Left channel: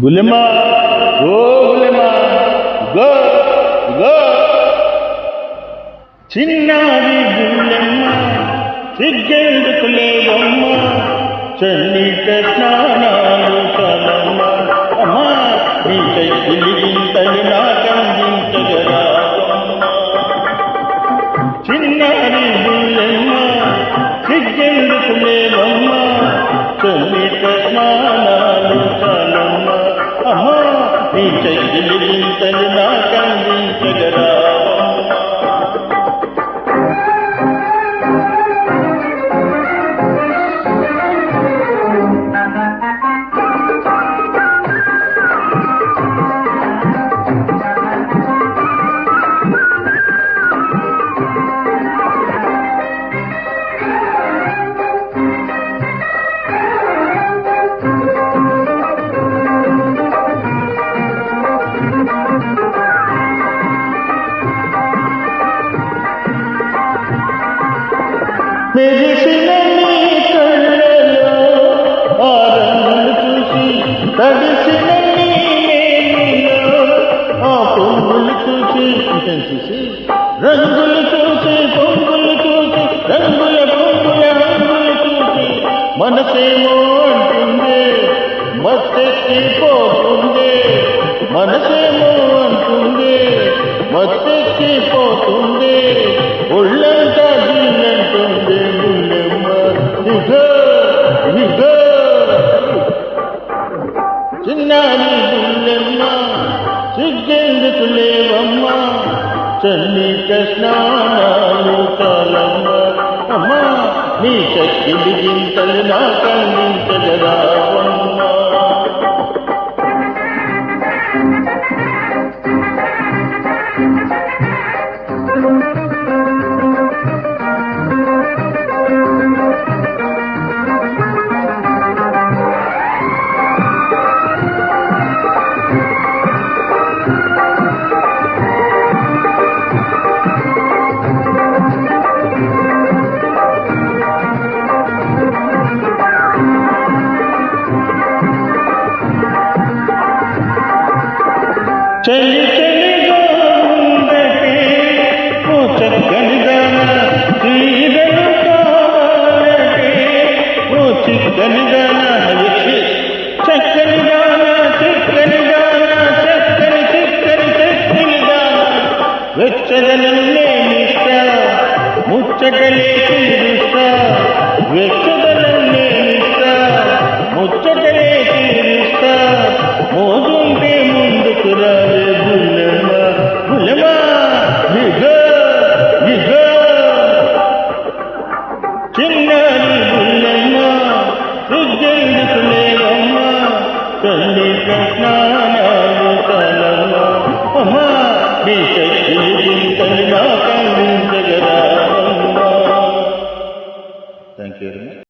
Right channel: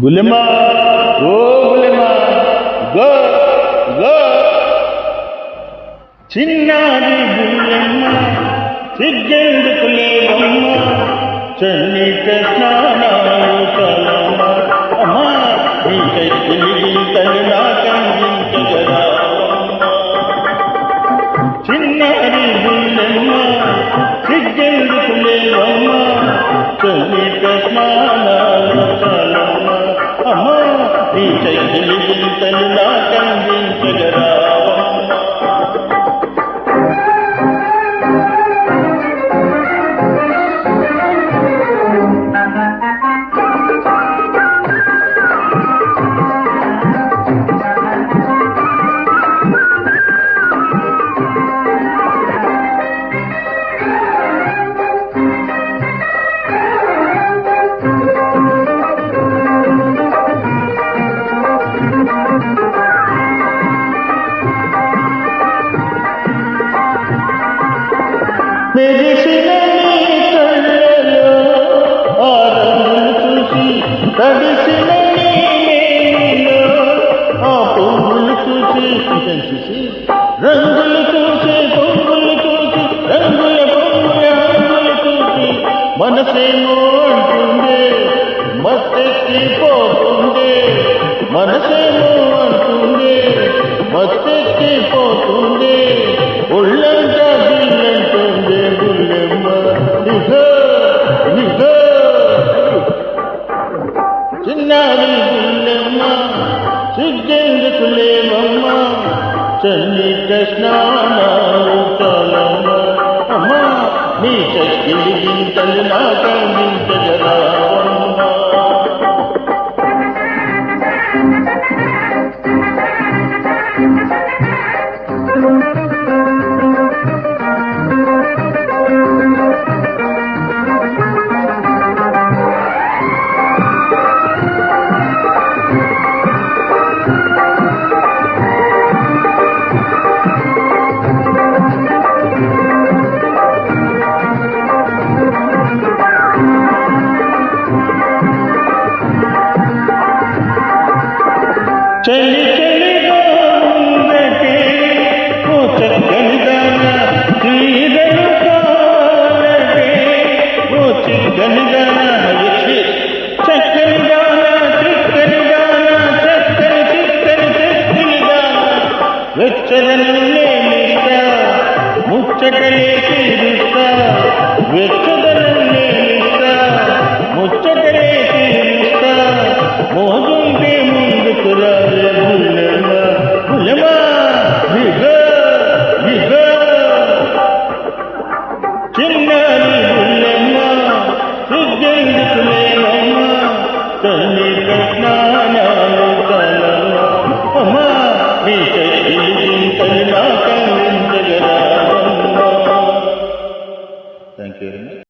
బుల్లెమ్మ ఓ Bullemma go go చిన్నారి బుల్లెమ్మ సిగ్గెందుకు లేవమ్మ చన్నీట స్నానాలు చాలమ్మ అమ్మా నీ చెక్కిలి గింతలు నాకందించగరావమ్మ చిన్నారి బుల్లెమ్మ సిగ్గెందుకు లేవమ్మ చన్నీట స్నానాలు చాలమ్మ అమ్మా నీ చెక్కిలి గింతలు నాకందించగరావమ్మ మెరిసిన నీ కళ్ళలో ఆ రంగులు చూసి తడిసిన నీ మేనిలో ఆ పొంగులు చూసి రంగులు చూసి పొంగులు చూసి రంగుల పొంగుల హంగులు చూసి మనసేమో అంటుందే మత్తెక్కిపోతుందే మనసేమో అంటుందే మత్తెక్కిపోతుందే ఒళ్ళంతా గిల్లంటుంది బుల్లెమ్మ ఇగో ఇగో చిన్నారి బుల్లెమ్మ సిగ్గెందుకు లేవమ్మ చన్నీట స్నానాలు చాలమ్మ అమ్మా నీ చక్కిలి గింతలు నాకందించగరావమ్మ చలి చలిగా ఉందటే ఓ చక్కని దాన చీరలు కావాలటే ఓ చిక్కని దాన చక్కని దాన చిక్కని దాన చక్కని చిక్కని చెక్కులి దాన వెచ్చదనం నేనిస్తా ముచ్చటలే తీరుస్తా వెచ్చదనం నేనిస్తా ముచ్చటలే తీరుస్తా మోగుంటే ముందుకు రావే బుల్లెమ్మ బుల్లెమ్మ ఇగో ఇగో చిన్నారి బుల్లెమ్మ సిగ్గెందుకు లేవమ్మ చన్నీట స్నానాలు చాలమ్మ అమ్మా నీ చెక్కిలి గింతలు నాకందించగరావమ్మ. Thank you very much.